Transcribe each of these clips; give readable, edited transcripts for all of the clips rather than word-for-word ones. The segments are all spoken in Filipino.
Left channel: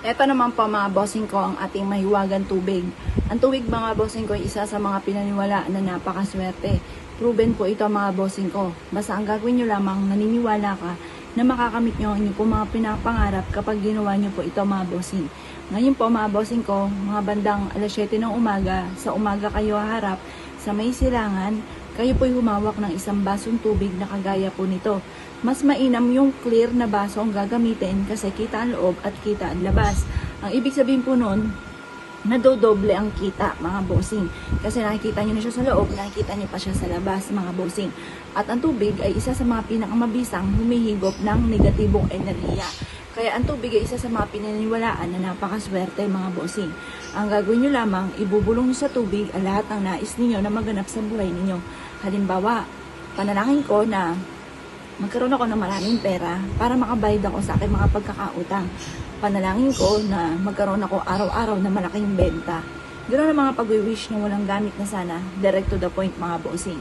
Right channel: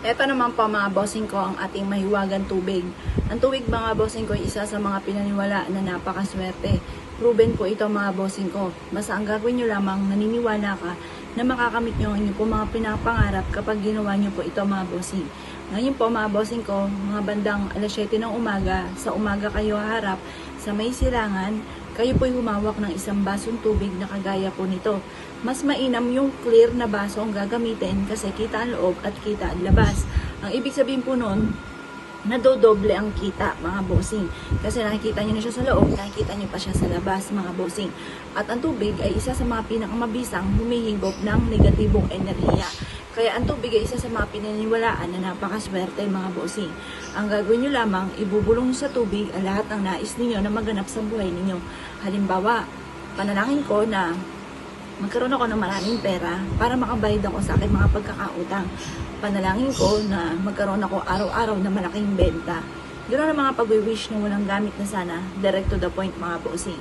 Ito naman po mga bossing ko ang ating mahiwagang tubig. Ang tubig mga bossing ko ay isa sa mga pinaniwalaan na napakaswerte. Proven po ito mga bossing ko. Basta ang gagawin nyo lamang, naniniwala ka na makakamit nyo ang inyo po mga pinapangarap kapag ginawa nyo po ito mga bossing. Ngayon po mga bossing ko, mga bandang alas 7 ng umaga, sa umaga kayo haharap sa may silangan, kayo po'y humawak ng isang basong tubig na kagaya po nito. Mas mainam yung clear na baso ang gagamitin kasi kita ang loob at kita ang labas. Ang ibig sabihin po nun, nadodoble ang kita mga bossing. Kasi nakikita nyo na siya sa loob, nakikita nyo pa siya sa labas mga bossing. At ang tubig ay isa sa mga pinakamabisang humihigop ng negatibong enerhiya. Kaya ang tubig ay isa sa mga pinaniniwalaan na napakaswerte mga bossing. Ang gagawin nyo lamang, ibubulong sa tubig ang lahat ng nais ninyo na maganap sa buhay ninyo. Halimbawa, panalangin ko na magkaroon ako ng maraming pera para makabayad ako sa aking mga pagkakautang. Panalangin ko na magkaroon ako araw-araw na malaking benta. Ganoon ang mga pag-wish na walang gamit na sana, direct to the point mga bossing.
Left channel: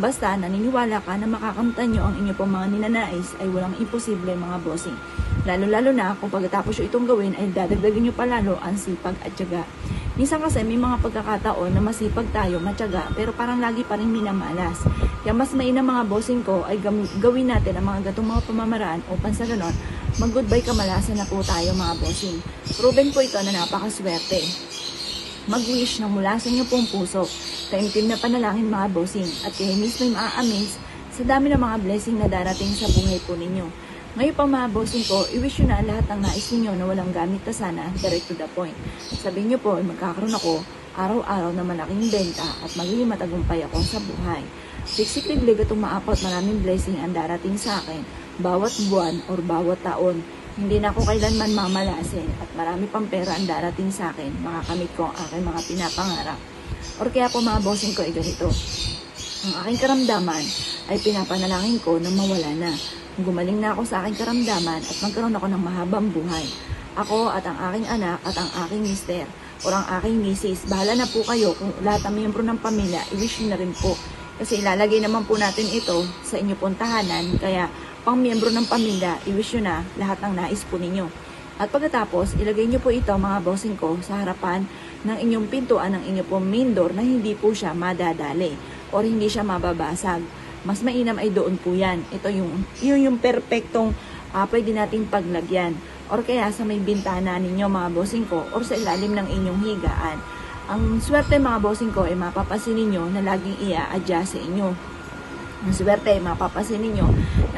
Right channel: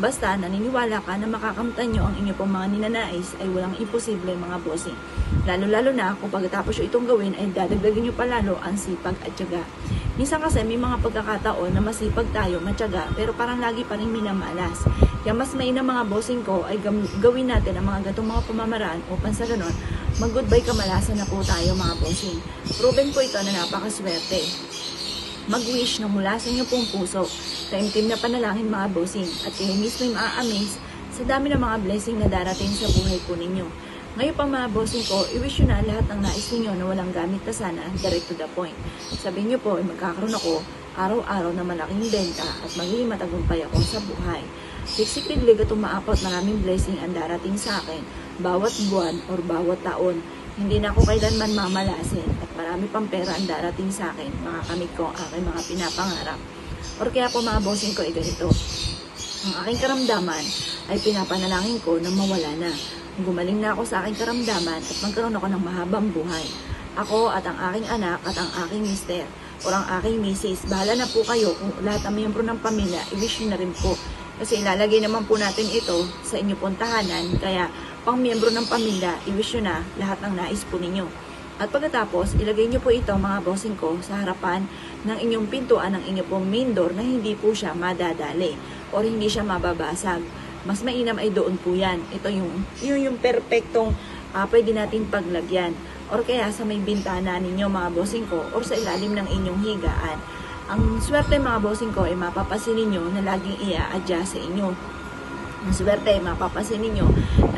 Basta naniniwala ka na makakamtan nyo ang inyo pong mga ninanais ay walang imposible mga bossing. Lalo-lalo na kung pagkatapos nyo itong gawin ay dadagdagan nyo palalo ang sipag at tiyaga. Minsan kasi may mga pagkakataon na masipag tayo, matyaga, pero parang lagi pa rin minamalas. Kaya mas mainam mga bossing ko ay gawin natin ang mga gatong mga pamamaraan upang sa ganon, mag-goodbye kamalasan na po tayo mga bossing. Proven po ito na napakaswerte. Mag-wish na mula sa inyo pong puso, sa intim na panalangin mga bossing, at kayo mismo maa-amaze sa dami ng mga blessing na darating sa buhay po ninyo. Ngayon pa mga bossing ko, i-wish nyo na lahat ng nais ninyo na walang gamit ka sana, direct to the point. Sabihin nyo po, magkakaroon ako araw-araw na malaking benta at magiging matagumpay ako sa buhay. Positively ito maapot, maraming blessing ang darating sa akin, bawat buwan or bawat taon. Hindi na ako kailanman mamalasin at marami pang pera ang darating sa akin, makakamit ko ang aking mga pinapangarap. Or kaya po mga bossing ko ay ganito, ang aking karamdaman ay pinapanalangin ko na mawala na. Gumaling na ako sa aking karamdaman at magkaroon ako ng mahabang buhay. Ako at ang aking anak at ang aking mister o ang aking misis, bahala na po kayo kung lahat ng miyembro ng pamilya, i-wish nyo na rin po. Kasi ilalagay naman po natin ito sa inyo pong tahanan, kaya pang miyembro ng pamilya, i-wish nyo na lahat ng nais po ninyo. At pagkatapos, ilagay nyo po ito mga bossing ko sa harapan ng inyong pintuan ng inyong pong main door na hindi po siya madadali o hindi siya mababasag. Mas mainam ay doon po yan. Ito yung perfectong pwede nating paglagyan. Or kaya sa may bintana ninyo mga bossing ko or sa ilalim ng inyong higaan. Ang swerte mga bossing ko ay mapapasin ninyo na laging i-adjust sa inyo. Ang swerte ay mapapasin ninyo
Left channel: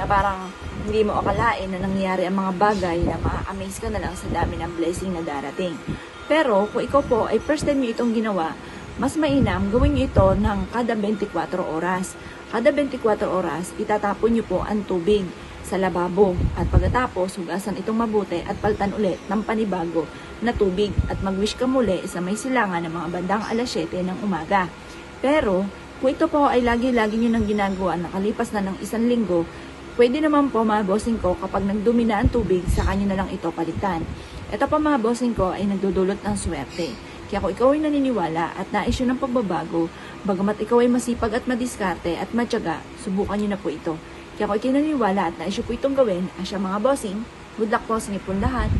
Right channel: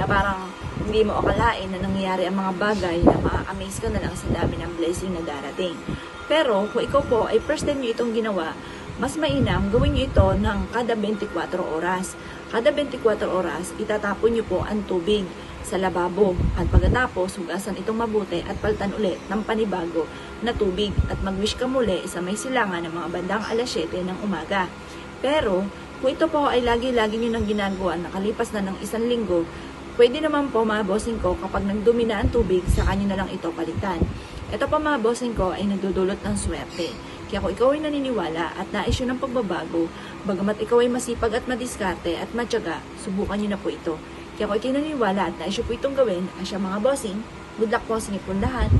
na parang hindi mo akalain na nangyayari ang mga bagay na ma-amaze ka na lang sa dami ng blessing na darating. Pero kung ikaw po ay first time nyo itong ginawa, mas mainam gawin nyo ito ng kada 24 oras. Kada 24 oras, itatapon nyo po ang tubig sa lababo. At pagkatapos, hugasan itong mabuti at palitan ulit ng panibago na tubig. At mag-wish ka muli sa may silangan ng mga bandang alas 7 ng umaga. Pero, kung ito po ay lagi-lagi nyo nang ginagawa, nakalipas na ng 1 linggo, pwede naman po mga bossing ko kapag nagdumi na ang tubig, saka nyo na lang ito palitan. Ito pa mga bossing ko ay nagdudulot ng swerte. Kaya kung ikaw ay naniniwala at nais yun ng pagbabago, bagamat ikaw ay masipag at madiskarte at matyaga, subukan nyo na po ito. Kaya kung ikaw ay naniniwala at nais yun po itong gawin, ang siya mga bossing, good luck po sa inyo po lahat.